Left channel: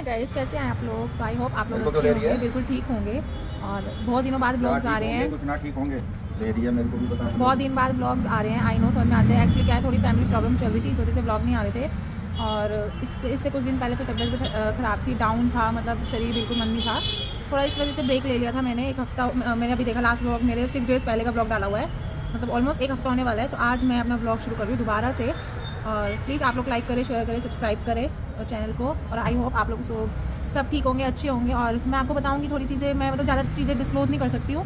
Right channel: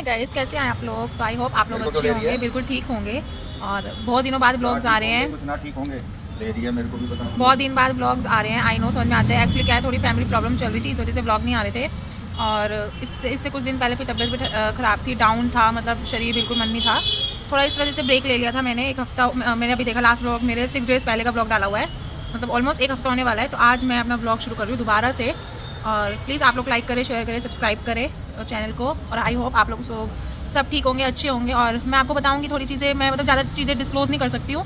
Hi guys, कैसे हैं आप लोग। आई होप आप लोग अच्छे होंगे, बिल्कुल ठीक होंगे। और बहुत दिनों बाद ब्लॉग्स आ रहे हैं, बहुत दिन बाद ब्लॉग्स आ रहे हैं। आई नो, समझ में आते हैं। एक्चुअली क्या है, थोड़ी फैमिली प्रॉब्लम चल रही थी, इस वजह से ब्लॉग नहीं आ रहे थे। और इससे कुछ दिन पहले फिर तबीयत भी ख़राब थी, डाउन था, मतलब शरीर बिल्कुल मन नहीं था। थोड़ा इस वजह से ब्रेक ले लिया था मैंने एक हफ्ता। मैंने अभी देखा लास्ट ब्लॉग मेरे 6 डेज़ पहले का ब्लॉग डाला हुआ है, मतलब ऑलमोस्ट एक हफ्ता होने वाला है। तो आज मैं अपना ब्लॉग शुरू कर रही हूँ दोबारा से। और प्लीज़ आप लोग लाइक करें, शेयर करें, सब्सक्राइब करें चैनल को। और आई होप आप लोग सब ठीक होंगे, अच्छे होंगे। और मैं आपको बताऊंगी थोड़ी चीज़ें, मैं मतलब ज़्यादा चीज़ें डिस्क्लोज़ नहीं कर सकती हूँ।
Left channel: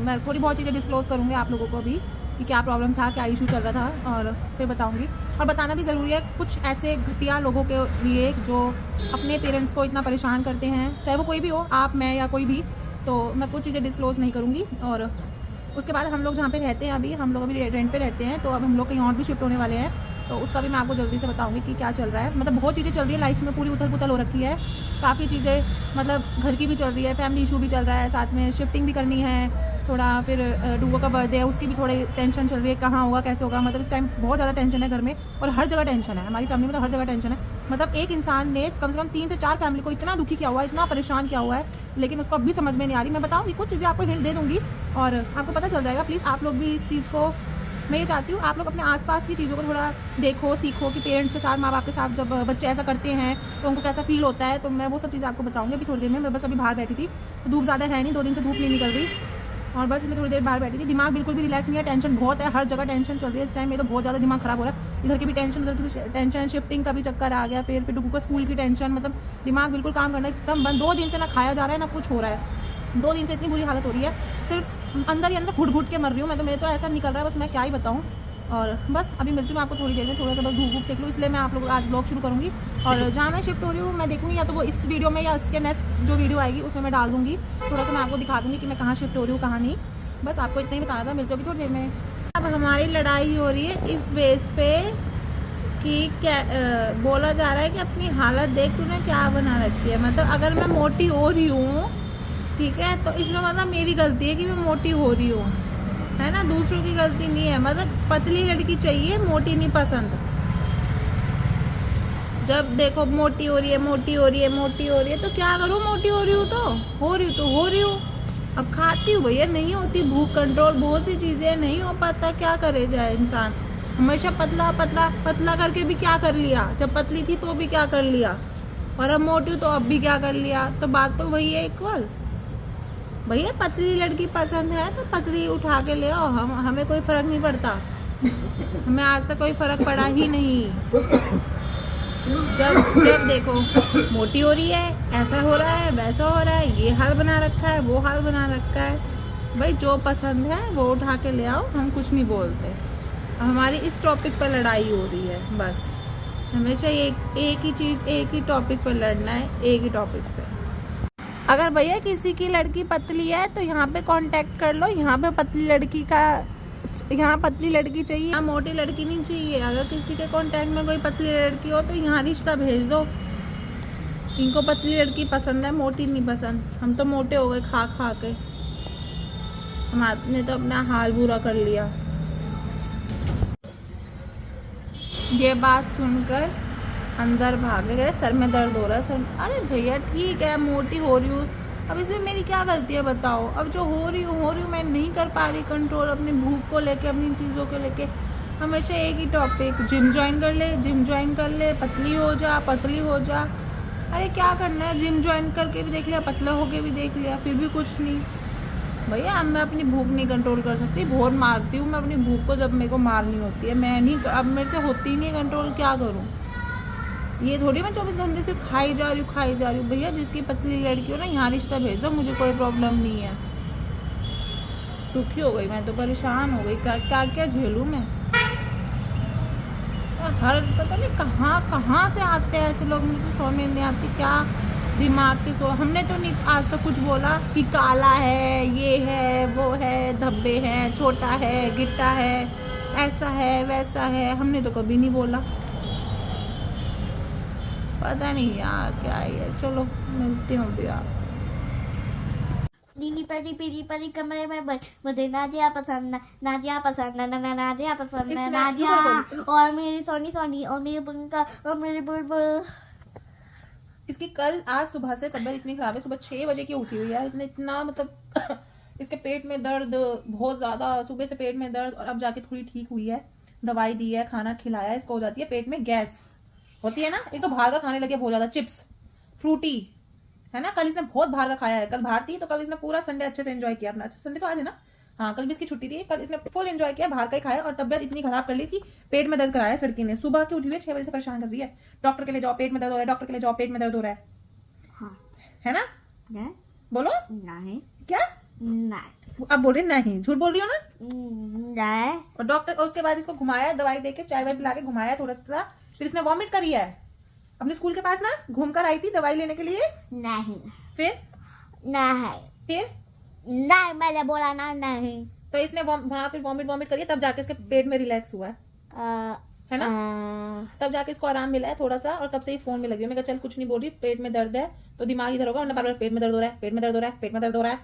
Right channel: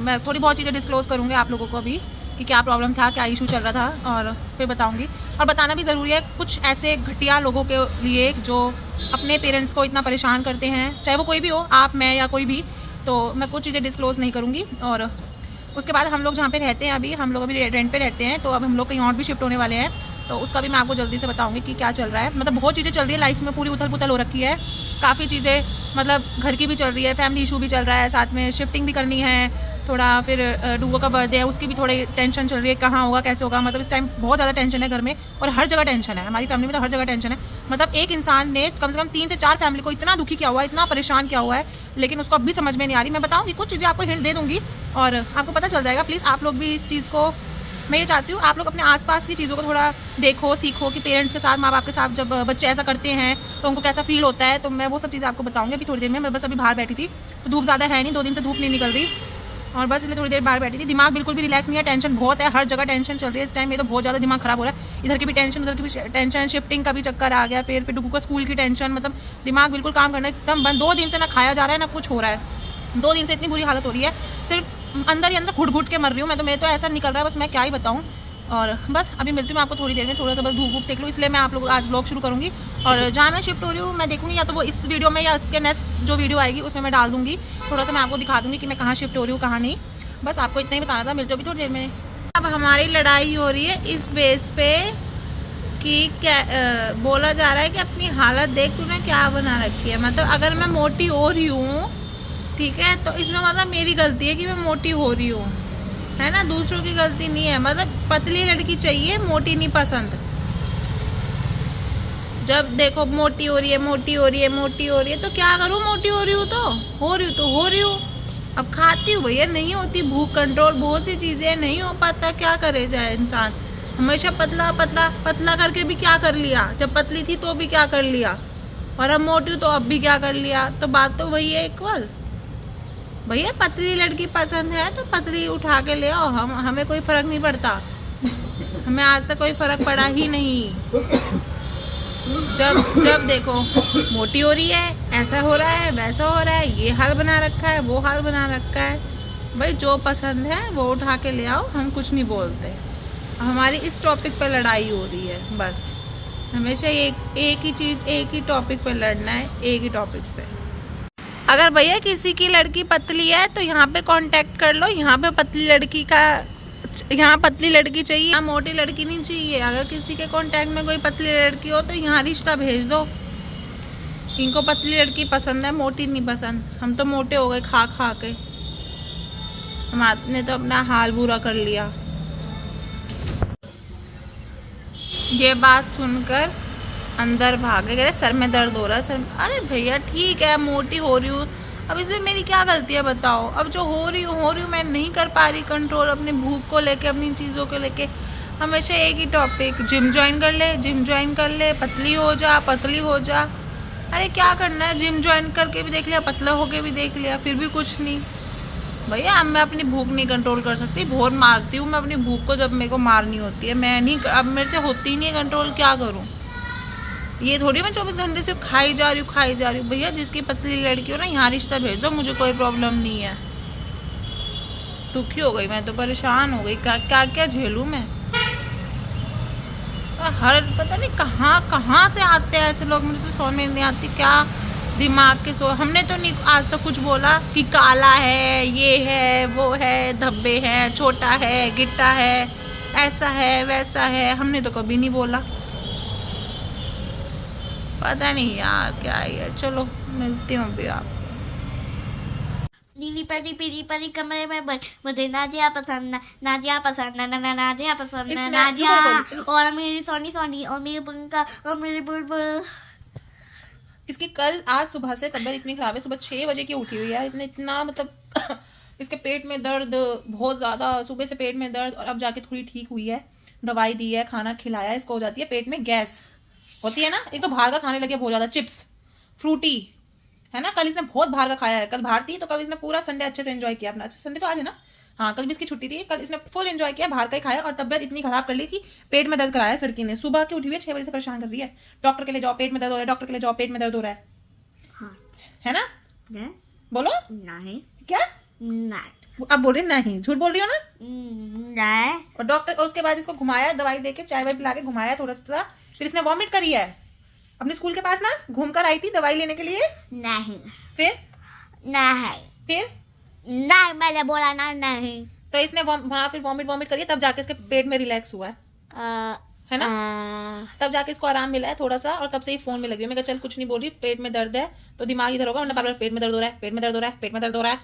मैं थोड़ी बहुत चीज़ें डिस्क्लोज़ करूँगी आप लोगों को भी, कि क्या प्रॉब्लम था, क्या इशू चल रहा था, और फिर बताऊँगी। और बताना भी ज़रूरी है कुछ ऐसे घटिया लोगों के लिए जो अपने पेरेंट्स को इतना परेशान करते हैं, चाहे वो कोई भी हो, आप, मैं या कोई भी। तो मैं कुछ चीज़ें डिस्क्लोज़ नहीं करूँगी। और उसके बाद हम लोग जहाँ पे रहते हैं अभी, हम लोग अभी रेंट पे रहते हैं, तो अब हम लोग कहीं और भी शिफ्ट होने वाले हैं। तो उसका भी मैं आपको जल्दी से बताऊंगी कि क्या चल रहा है। मतलब बहुत चीज़ें चल रही है लाइफ में, पूरी उथल पुथल हो रखी है। काफ़ी चीज़ें, मतलब घर की भी चल रही है, फैमिली इशू भी चल रहा है, साथ में शिफ्टिंग भी करनी है थोड़ा। फिर डूगो का बर्थडे है, उसकी भी थोड़ी टेंशन चल रही है, कहाँ होगा, कैसे होगा। मतलब इस टाइम बहुत ज़्यादा टेंशन है घर में, और हर जगह टेंशन है। हमारी फैमिली में तो हर जगह टेंशन है। मतलब एक इंसान ने कम से कम 3 से 4 फैमिली को इतना दुखी किया हुआ है, इतना परेशान किया हुआ है, लेकिन उसको अभी समझ में नहीं आ रही। मैं बताऊँगी कुछ चीज़ें, आपको हिंट दे दूँगी और आपको पता चल जाएगा। प्लीज़ आप लोग भी इस चीज़ को, मैं ये चाहती हूँ आप लोग अपने आसपास की चीज़ों को थोड़ा देखो, सीखो कि पेरेंट्स के साथ, माँ बाप के साथ जब बच्चे ऐसा करते हैं तो उनको कैसा फील होता है। तो मैं वो सब चीज़ें आपको बताऊँगी अभी थोड़ी देर में। मैं बस अभी बाहर बैठी थी, तो धूप ज़्यादा है नहीं, 2 दिन से धूप नहीं निकल रही, और बस इसलिए थोड़ी देर बाहर बैठी थी। दिमाग बिल्कुल भी रिलैक्स नहीं है, टेंशन बहुत है, हर जगह टेंशन चल रही है इस टाइम। ये तो बहुत ज़्यादा दिमाग ख़राब हो रहा है, इधर की भी टेंशन, उधर की भी टेंशन, शिफ्टिंग का भी चक्कर आ गया, फिर डुगू का स्कूल की टेंशन। मतलब दिमाग बिल्कुल काम करना एकदम बंद। 2 दिन से ना खाया जा रहा है ना कुछ हो रहा है। 2 दिन से इतनी बुरी हालत हो रही है, सिर्फ अंदर ही अंदर घुट घुट के मर रही हूँ मैं तो। मैं तो ऐसा निकल रहा है, बस मैं क्या ही बताऊँ। और बस अभी मिलती हूँ आपको थोड़ी देर में, थोड़ा सा बस धूप धूप सीख लूँ, इसलिए मैं आप लोग आज ब्लॉग शुरू करूँगी। और जहाँ मैं शिफ्ट हो रही हूँ मैं देखूँगी, या तो वो इस वीडियो में या इसके नेक्स्ट जो वीडियो आएगी उसमें मैं डाल दूँगी। थोड़ा सा मैं आपको दिखा दूँगी कि मैं कहाँ शिफ्ट हो रही हूँ, कहाँ नहीं। बस आपको इतना ही बताना था, मिलते हो भी थोड़ी देर में। अब हमारी लड़ाई हो रही है इस बेस पे कि क्या बोला जा रहा है कि अपनी हालत देख तूने क्या बना रखी है। मतलब अगर मैं मोटी हो रही हूँ, ठीक है, तो इसमें मतलब मेरी गलती है कि मैं मोटी हो रही हूँ, है ना, दूसरों की गलती नहीं है। मतलब पतली लड़की चाहिए, मोटी नहीं पसंद। जब देखो मोटी हो रही है, मोटी हो रही है, मोटी हो रही है, तो क्या करूँ, मोटी हो रही हूँ तो हो रही हूँ, तो हो रही हूँ। अब खाती हूँ भैया, नहीं होती भूख कंट्रोल, बहुत सी चीज़ें नहीं हो पाता, क्या करे जाए इंसान। हमेशा पतला पतला पतला करके भी क्या कर लिया, जब पतली थी तो भी क्या कर लिया, और अब मोटी हूँ तो अब भी क्या कर लिया। तो बात तो वही है इक्वल। भैया पतली लड़की पसंद है तो पतली उठा के ले आओ, हमें कोई फर्क नहीं पड़ता। हमें आज तक कोई फर्क पड़ा ही नहीं। जब जब देखो मोटी हो रही है, ऐसा हो रहा है, वैसा हो रहा है, ये हाल बना रखा है, वो हाल बना रखा है। भाई जो पसंद है वो उठा के ले आओ, हम कुछ नहीं बोलते। हमारी इस टॉपिक पर लड़ाई हो रही है बस। हमेशा एक ही चीज़, एक ही टॉपिक पे लड़ना है, एक ही टॉपिक पे। अगर भैया किसी की लड़की पतली है तो यहाँ पे कांटेक्ट कर लो, यहाँ पे पतली लड़की का, यहाँ पतली लड़की चाहिए, यहाँ मोटी लड़की नहीं चाहिए। अगर किसी के कांटेक्ट में कोई पतली लड़की हो तो यहाँ रिश्ता भेज दो। इनको पतली लड़की पसंद है, मोटी नहीं पसंद। हम तो मोटे हो गए खा खा के, हमने तो अपना हाल बुरा कर लिया। ये बात सुनकर अंदर भागे गए, सर में दर्द हो रहा है, सर। अरे भैया ठीक है, मोटी हो रही हूँ, अब इसमें मेरी क्या गलती है बताओ। अब जो हो रही हूँ मैं नहीं कर पा रही कंट्रोल अपनी भूख को लेके, अपनी चीज़ों को लेके। हमेशा एक ही टॉपिक, जिम ज्वाइन कर ले, जिम ज्वाइन कर ले, पतली हो जा, पतली हो जा। अरे क्या करना है, जिम ज्वाइन करके भी देख लिया, पतला होके भी देख लिया, फिर भी कुछ नहीं। भैया अब मैं अपनी भूख नहीं कंट्रोल कर सकती, बहुत मारती हूँ मैं अपनी भूख को जब मेरे को मारनी होती है। मैं नहीं, अब मेरे से होती ही नहीं है कंट्रोल, क्या करूँ। ये थोड़ी मैं 24 घंटे सिर्फ खाई जा रही हूँ, खाई जा रही हूँ। भैया जिसकी पतली लड़की हो ना, यहाँ रिश्ता भेज दो, मुझे कोई प्रॉब्लम नहीं है। दुखी हो गई मैं तो, परेशान हो गई, क्या क्या क्या झेलूँ मैं। हर पता नहीं कहाँ कहाँ से आते हैं ऐसे लोग, मुझे तो समझ में नहीं आती क्या दिमाग के। हमने तो नहीं आज तक कुछ बोला कि काला है, ये है, वो है, धब्बे हैं, छोटा है, गिट्टा है, ऐसा है, वैसा है, हमने तो कभी नहीं बोला। पता नहीं यार क्या है। चलो मिलती हूँ अभी आप। नीली परी पीली परी कमरे में बच, मुझे नाजिया पसंद है, नाजिया पसंद है, नाजिया पसंद है, नाजिया। और मेरी सोनी सोनी, और मेरी पंखा, और मेरी बुलबुल। इसकी कल आज सुबह से तबीयत इतनी खराब है, सुबह 6 बजे की उठी हुई है, इतना मतलब इसके पेट में दर्द बहुत ज़्यादा, सुबह से पेट में दर्द, और अब जाके थोड़ी ठीक हुई है, दवाई दी है, खाना खिलाया है, इसको हो जाती है पेट में गैस होती है ना। एक तो बाहर का खाने लगे बहुत ज़्यादा, चिप्स फ्रूटी है ना, कल इसने बहुत बाहर का खाया है, कल बाहर थी तो कल इसने पूरा संडे अच्छे से एंजॉय किया अपना। अच्छा संडे तो आज है ना, हाँ कल भी इसकी छुट्टी थी, कल इसने फुल एंजॉय किया, बाहर का ही खाया, और तबियत इतनी खराब कर ली कि पेट में दर्द कराया इस लड़की ने। सुबह के उठी हुई 6 बजे से परेशान कर रही है, डॉक्टर के लिए जाओ पेट में दर्द हो रहा है, डॉक्टर के लिए जाओ पेट में दर्द हो रहा है, है ना? बोलो नहीं क्या? नहीं अब बोल रही नहीं, झूठ बोल रही हो ना? नहीं और डॉक्टर उसके बाद इसको घुमाया, दवाई देके चाय वाय पिला के घुमाया थोड़ा सा, फिर इसने वॉमिट करी है। अपने स्कूल के पास ना घूम कर आई थी दवाई लेने के लिए, नहीं फिर नहीं नहीं मैंने बोला ना नहीं। तो इसने वहाँ फिर वॉमिट करी है, तब जाके इसके पेट में रिलैक्स हुआ है ना, तब जाके इसको आराम मिला है थोड़ा सा, और तब से ही फोन में लगी है। मैं कहा चल कुछ नहीं बोल रही, पेट में दर्द है तो दिमाग इधर होगा, बार पेट में दर्द हो रहा है, पेट में दर्द हो रहा है, पेट में दर्द हो रहा है।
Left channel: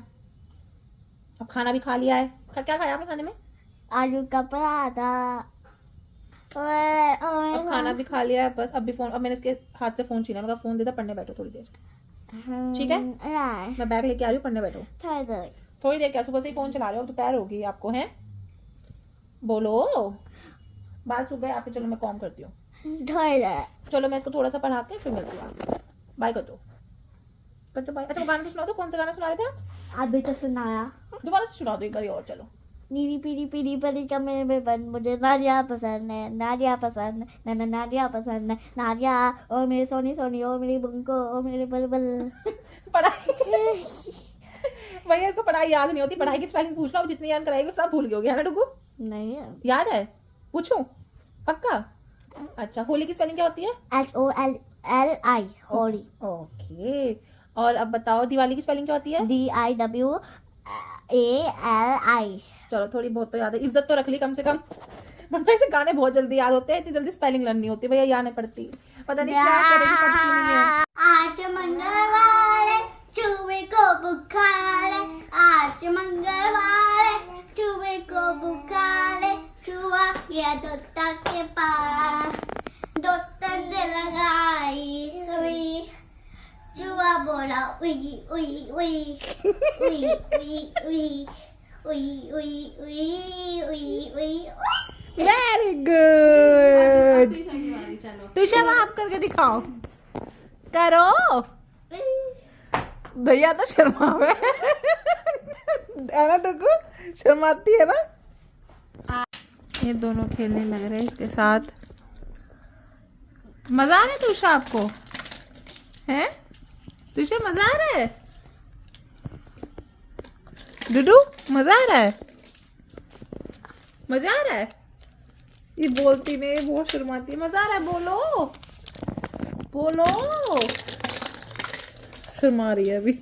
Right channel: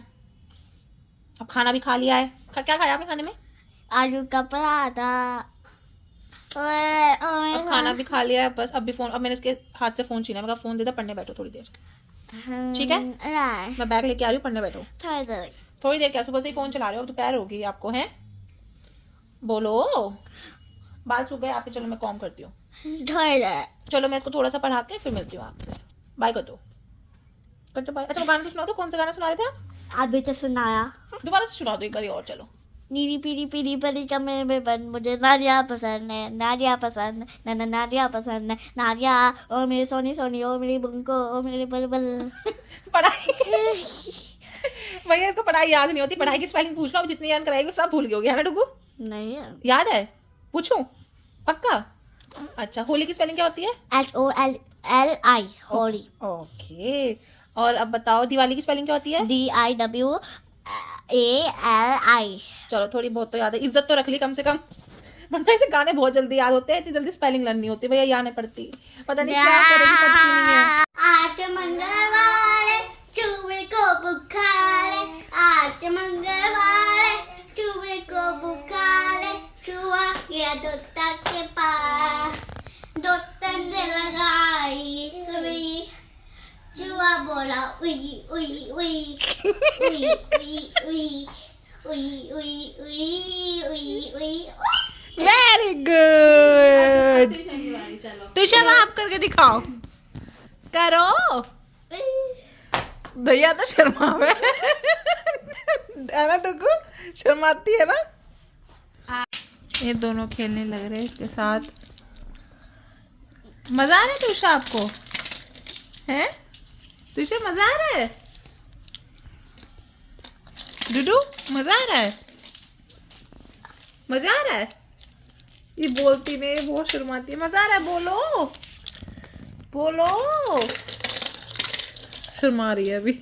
अब खाना भी खा लिया है, क्या खाया आपने खाने में? आलू का पराठा खाना भी खा लिया है, बस अब भी फोन, अब मैंने इसके हाथ से फोन छीना, मैं कहा फोन दे दे, पढ़ने बैठो थोड़ी देर, ठीक है? मैं बैग लेके आ रही हूँ, पढ़ने बैठो थोड़ी देर, क्या सुबह से ही फोन चला रहे हो, दोपहर हो गई आपको, हैं? बोलो बात सुबह आपके, चलो मैं कॉम करती हूँ, चलो मैं इसको थोड़ा सा पढ़ा के फिर मिलती हूँ आपसे, बाय कर दो, बाय। अच्छा गाना तो सुना दो, कौन सा गाना सुना रहे थे? अभी तो सुनाया। दोबारा से सुना दो एक बार और, चलो। नीली पीली पीली परी कमरे में बन, मुझे नारिया पसंद है, नारिया पसंद है, नारिया पसंद है, नारिया ओ मेरी सोनी सोनी, ओ मेरी बुंको, ओ मेरी बलबल। पढ़ाई भैया इसको पढ़ाई याद नहीं होती, पढ़ाई की स्पेलिंग पूछ लो, जितनी याद कराएगी सब भूल गई है ना डुगू? नहीं याद है? पूछो पक्का? अच्छा होली की स्पेलिंग क्या होती है? HOLLI होली। ओके, और अब बताओ दिवाली की स्पेलिंग क्या होती है? DIWALI। चलो थोड़ी बहुत तो याद है, इज्जत तो रख ली कम से कम, वरना ऐसे गाने बहुत जल्दी याद होते हैं, इतनी जल्दी स्पेलिंग लर्न नहीं होती भैया, याद नहीं पड़ती, पता नहीं क्या करेगी, पता नहीं है। आज मंगलवार है, चूहे को बुखार है, आज मंगलवार है, चूहे को बुखार है, चूहा गया डॉक्टर के पास, डॉक्टर ने लगाई सुई, चूहा बोला उई उई उई उई उई उई उई उई उई उई उई। वेरी गुड, तुझे आप करके दिखाओ, करो भैया तो शर्मावे है ना डुगू, शर्माती है ना। ये दोनों खेलने लग रहे हैं इसके साथ, मजा आ रहा है तुषा आपको? हैं तुषा मजा आ रहा है? डुडू मजा आ रहा है? मजा आ रहा है? ये बोलती नहीं, बहुत शर्माती है, मजा आ रहा है, बोलो बोलो, शर्मा रही है अभी।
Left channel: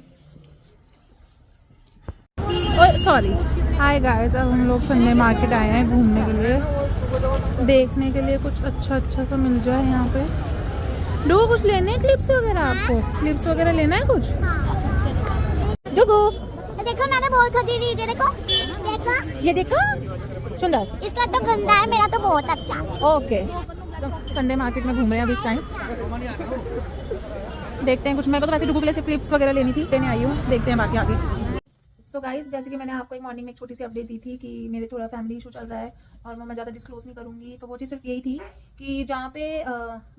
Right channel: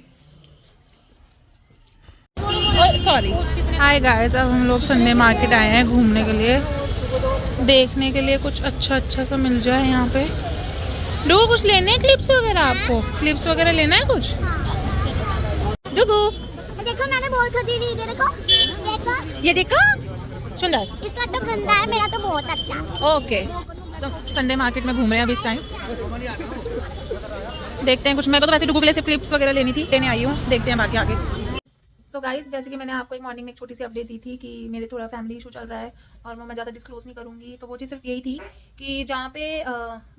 सॉरी, हाय गाइस, अब हम लोग संडे मार्केट आए हैं घूमने के लिए, देखने के लिए कुछ अच्छा सा मिल जाए यहाँ पे। डुगू कुछ लेने हैं क्लिप्स वगैरह? आपको क्लिप्स वगैरह लेना है कुछ? डुगू देखो मैंने बहुत खरीदी, ये देखो ये देखा, सुंदर, इसका तो गंदा है, मेरा तो बहुत अच्छा है। ओके, तो संडे मार्केट में घूम रहे हैं अब इस टाइम, देखते हैं कुछ। मैं तो वैसे डुगू के लिए सिर्फ क्लिप्स वगैरह लेनी थी, लेने आई हूँ, देखते हैं बाकी आगे। सो गाइस, जैसे कि मैंने आपको एक मॉर्निंग में एक छोटी सी अपडेट दी थी कि मेरे थोड़ा फैमिली इशू चल रहा है और वो मैं ज़्यादा डिस्क्लोज नहीं करूँगी, तो वो चीज़ सिर्फ यही थी कि जहाँ पे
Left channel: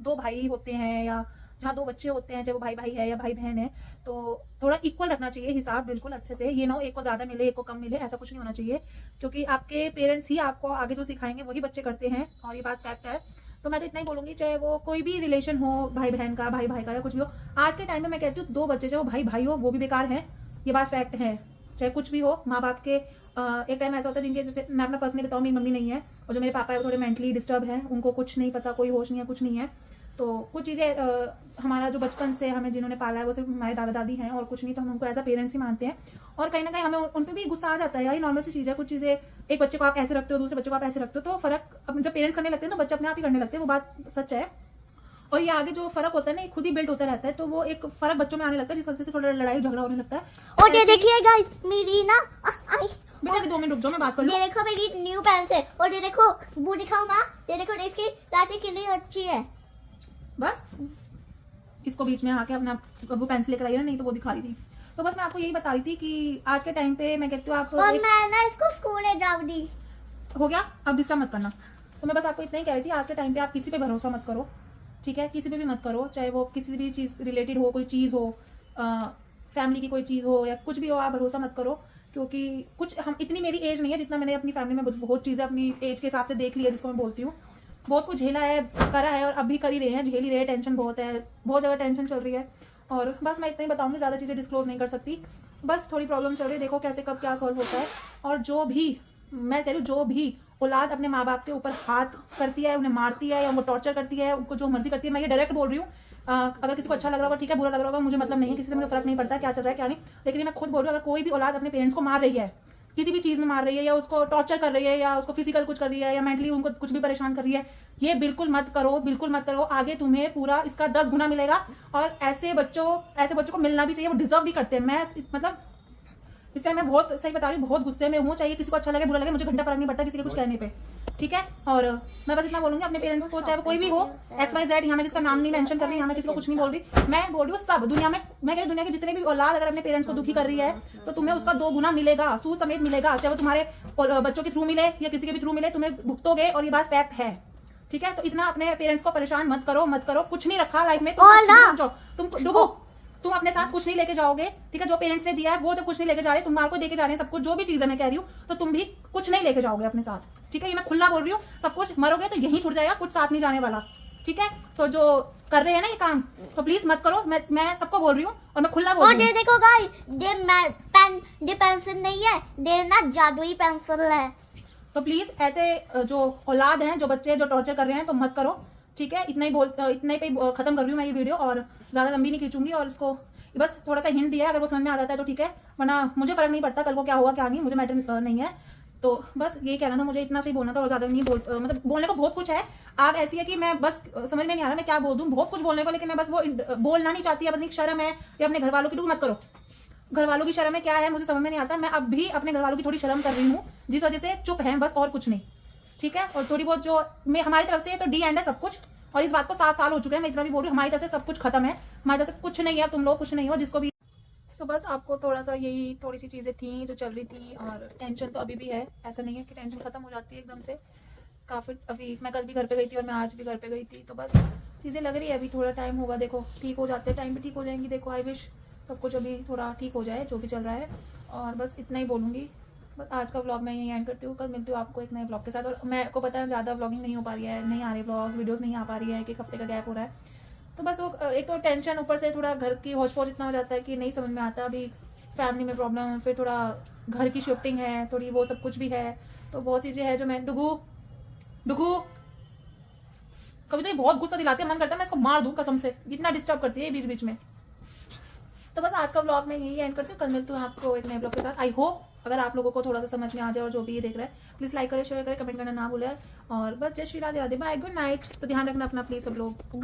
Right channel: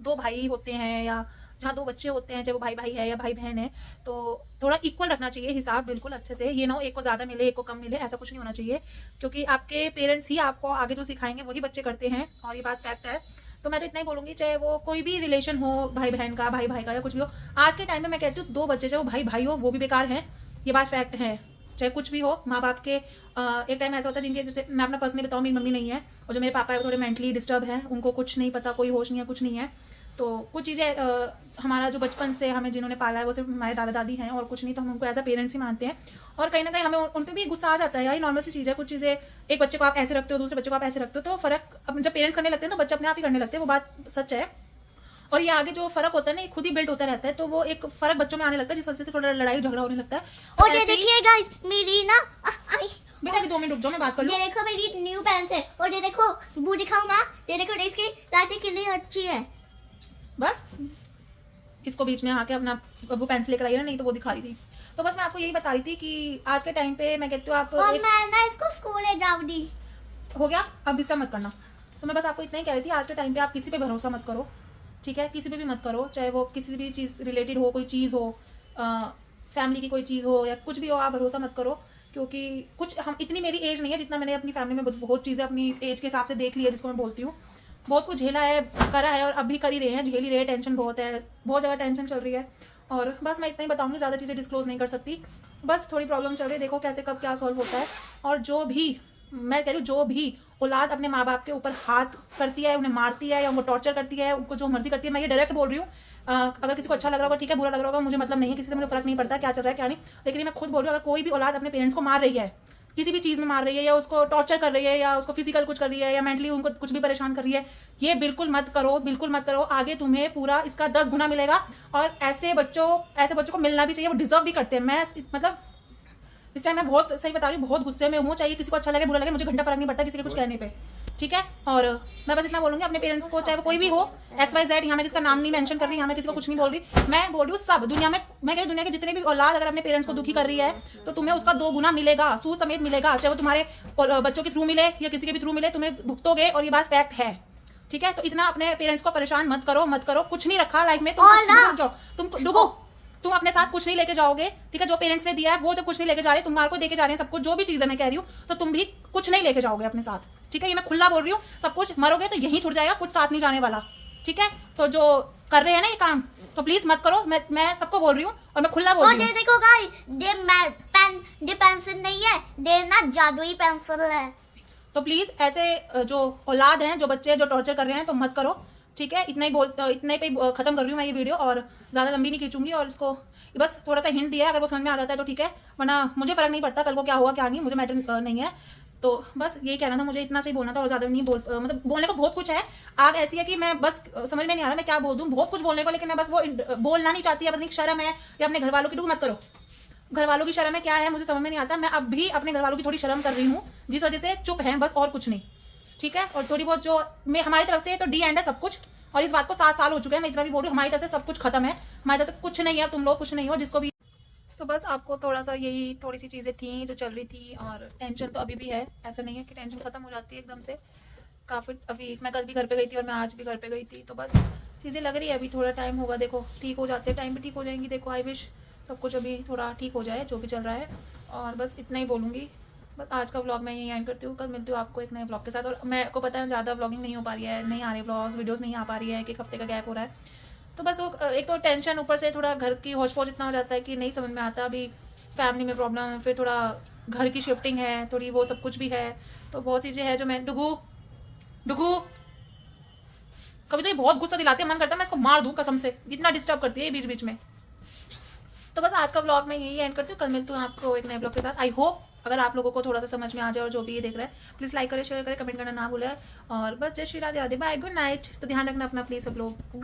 दो भाई होते हैं या जहाँ दो बच्चे होते हैं, चाहे वो भाई भाई है या भाई बहन है, तो थोड़ा इक्वल रखना चाहिए हिसाब, बिल्कुल अच्छे से, ये ना हो एक को ज़्यादा मिले एक को कम मिले, ऐसा कुछ नहीं होना चाहिए, क्योंकि आपके पेरेंट्स ही आपको आगे जो सिखाएंगे वही बच्चे करते हैं, और ये बात फैक्ट है। तो मैं तो इतना ही बोलूँगी, चाहे वो कोई भी रिलेशन हो, भाई बहन का, भाई भाई का, या कुछ भी हो, आज के टाइम में मैं कहती हूँ दो बच्चे चाहे वो भाई भाई हो वो भी बेकार हैं, ये बात फैक्ट है। चाहे कुछ भी हो, माँ बाप के एक टाइम ऐसा होता है जिनके, जैसे मैं अपना पर्सनली बताऊँ, मेरी मम्मी नहीं है और जो मेरे पापा है वो थोड़े मेंटली डिस्टर्ब है, उनको कुछ नहीं पता, कोई होश नहीं है, कुछ नहीं है, तो कुछ चीज़ें हमारा जो बचपन से हमें जिन्होंने पाला है वो सिर्फ हमारे दादा दादी हैं और कुछ नहीं, तो हम उनको एज अ पेरेंट्स ही मानते हैं, और कहीं ना कहीं हमें उन पर भी गुस्सा आ जाता है, यार नॉर्मल सी चीज़ है, कुछ चीज़ें एक बच्चे को आप ऐसे रखते हो, दूसरे बच्चे को आप ऐसे रखते हो, तो फर्क अब जब पेरेंट्स करने लगते हैं तो बच्चे अपने आप ही करने लगते हैं, वो बात सच है। और ये आगे जो फर्क होता है ना, खुद ही बिल्ड होता रहता है, तो वो एक फर्क बच्चों में आने लगता है, जिस वजह से थोड़ा लड़ाई झगड़ा होने लगता है। और ये देखिए गाइस, मेरी ना बेटा 2 मिनट रुक जाओ, मैं बात कर लूं। ये देखो मेरी न्यू पेंस है, और ये देखो वो दिखाऊंगा, ये देखो इसकी लाठी कितनी अच्छी है। बस इसको बीच में आके अपना वो पेंसिल लेकर आई है, नहीं तो वो दिखा रही थी। तो बस मैं आपको यही बता रही थी कि आज के टाइम पे मैं कहती हूँ आप और मैं ना इसको स्कूल ले जाऊंगी। हो गया, अब डिस्टर्ब मत करना। तो मैं बस आपको इतना ही कह रही थी, आज के टाइम पे आप किसी पे भरोसा मत करो, ठीक है, किसी पे भी मत करो, चाहे वो किसी भी चीज़ रिलेटेड हो, कोई चीज़ हो, फैमिली की कोई चीज़ हो या कुछ भी हो, आप भरोसा मत करो। क्योंकि कुछ हम इतनी मेरी एज नहीं है जितना मैंने अपनी फैमिली में बहुत चीज़ें अपनी एज के हिसाब से देख ली है, जिसको मैं बोलती हूँ। बहुत कुछ झेला है, करा है और अभी कर ही रहे हैं, झेल ही रहे हैं। टेंशन बहुत है, बहुत ज़्यादा टेंशन चल रही है। और बस मैं इतना ही बताऊँगी, ज़्यादा चीज़ें डिस्क्लोज नहीं कर सकती। बस थोड़ी प्रॉब्लम चल रही है, देखो कैसे कब क्या सॉल्व होता है। और जो भी मैं कह रही हूँ, जो भी औलाद अपने माँ बाप के ऊपर हाथ करती है, उन्हें मारती है या उनको टॉर्चर करती है, उनको जो मर्जी करती है, मैं ये डायरेक्ट बोल रही हूँ। अगर किसी को अच्छा लग रहा होगा ठीक है, बुरा लग रहा होगा मुझे मतलब नहीं है, किसी से मुझे फर्क नहीं पड़ता है क्या चल रहा है क्या नहीं। लेकिन ये मैं खुद बोल रही हूँ, अगर कोई भी औलाद अपने पेरेंट्स को मार रही है, किसी भी चीज़ में मार रही है, या उसको टॉर्चर कर रही है, या उसको फिजिकल कुछ कर रही है, या मेंटली उनको कुछ भी परेशान कर रही है, ये बिल्कुल मत करो, बिल्कुल मत करो। आगे तुम्हें पूरा इसका 10 गुना मिलेगा। और ऐसे बच्चों को मिलना भी चाहिए, वो डिजर्व भी करते हैं। मैं मतलब इस टाइम मैं बहुत सही बता रही हूँ, बहुत गुस्से में हूँ। चाहिए किसी को अच्छा लगे बुरा लगे, मुझे घंटा फर्क नहीं पड़ता किसी के कुछ कहने पे, ठीक है। और मैं बस इतना बोलूँगी अपने पेरेंट्स को, चाहे वो कोई भी हो, XYZ, यहाँ मैं किसका नाम नहीं मेंशन कर रही, यहाँ मैं किसी को कुछ नहीं बोल रही। मैं बोल रही हूँ सब दुनिया में, मैं कह रही दुनिया की जितनी भी औलाद अगर अपने पेरेंट्स को दुखी कर रही है, तो तुम्हें उसका 2 गुना मिलेगा, सूद समेत मिलेगा। चाहे वो तुम्हारे बच्चों के थ्रू मिले या किसी के भी थ्रू मिले, तुम्हें भुगतोगे। और ये बात फैक्ट है, ठीक है। तो इतना अपने पेरेंट्स को परेशान मत करो, मत करो। कुछ नहीं रखा लाइफ में, तुम अपने साथ कुछ नहीं लेके जाओगे, ठीक है। जो पेरेंट्स ने दिया है वो जब कुछ नहीं लेके जा रहे, तुम्हारे को देके जा रहे हैं सब कुछ, जो भी चीज़ है मैं कह रही हूँ, तो तुम भी कुछ नहीं लेके जाओगे अपने साथ, ठीक है। ये मैं खुला बोल रही हूँ, सब कुछ मरोगे तो यहीं छूट जाएगा, कुछ साथ नहीं जाने वाला, ठीक है। तो जो कर रहे हैं ना ये काम, तो प्लीज मत करो। मैं सबको बोल रही हूँ और मैं खुला बोल रही हूँ। और देखो गाइस, ये पेंसिल नहीं है, ये ना जादुई पेंसिल है। तो प्लीज ऐसे जो औलाद हैं, जो बच्चे जो टॉर्चर कर रहे हैं, तो मत करो, ठीक है। इतने पे खत्म कर रही हूँ मैं ये वीडियो, और ज़्यादा लंबी नहीं खींचूंगी। और इसको बस थोड़ा सा हिंट दिया है, अगर वो समझ में आ जाता है तो ठीक है, वरना मुझे फर्क नहीं पड़ता कल को क्या होगा क्या नहीं, मुझे मैटर नहीं है। तो बस यही कहना था, मुझे इतना सही बोलना था, और ज़्यादा नहीं मतलब बोलने को बहुत कुछ है। आग ऐसी है कि मैं बस समझ में नहीं आ रहा मैं क्या बोल दूँ, बहुत कुछ बोलने को, लेकिन मैं बस वो बोलना नहीं चाहती। अपनी शर्म है या अपने घर वालों की, मत करो। घर वालों की शर्म है क्या है मुझे समझ में नहीं आता। मैं अब भी अपने घर वालों की थोड़ी शर्म कर रही हूँ, जिस वजह से चुप हैं बस, और कुछ नहीं, ठीक है। और थोड़ी बहुत जो मैं हमारी तरफ से, तो डी एंड है सब कुछ। और इस बात को 7 साल हो चुके हैं, मैं इतना भी बोल रही हूँ, हमारी तरफ से सब कुछ खत्म है, हमारी तरफ से कुछ नहीं है, तुम लोग कुछ नहीं हो जिसको भी। सो बस आपको थोड़ा सा यही थोड़ी सी चीज़ें थी जो चल रही थी। और टेंशन तो अभी भी है, ऐसा नहीं है कि टेंशन खत्म हो जाती है एकदम से। काफ़ी अभी मैं कल भी घर पे गई थी और मैं आज भी घर पे गई थी, तो बस चीज़ें लग रही है, अभी थोड़ा टाइम होगा, देखो ठीक हो जाते हैं, टाइम भी ठीक हो जाएंगी। देखो आई विश सब कुछ अभी थोड़ा ठीक हो जाए जो भी चल रहा है। और बस इतना ही बोलूँगी। बस आज का व्लॉग मैं यहीं एंड करती हूँ, कल मिलती हूँ आपको एक नए ब्लॉग के साथ। और मेरे को पता है ज़्यादा व्लॉगिंग नहीं हो पा रही है, नहीं आ रही ब्लॉग्स वीडियोस नहीं आ पा रही है, एक हफ्ते का गैप हो रहा है। तो बस वो एक तो टेंशन, ऊपर से थोड़ा घर की होश पोश इतना हो जाता है कि नहीं समझ में आता। अभी फैमिली में प्रॉब्लम, फिर थोड़ा घर की शिफ्टिंग है थोड़ी, वो सब कुछ भी है। तो बहुत चीज़ें हैं जो मैं डुगू कभी तो ये बहुत गुस्सा दिलाते हैं, मन करता है मैं इसको मार दूं कसम से, इतना डिस्टर्ब करती है बीच बीच में। तो बस आज का व्लॉग मैं यही एंड करती हूँ, कल मिलती हूँ आपको एक नए ब्लॉग के साथ। आई होप अगर आप लोगों को थोड़ा सा समझ में आ जाए, और जो भी ये देख रहे हैं प्लीज़ लाइक करें, शेयर करें, कमेंट करना ना भूलें। और बस Jai Shri Radhe Radhe, bye, good night. तो ध्यान रखना अपना प्लीज़ सब लोग। गुड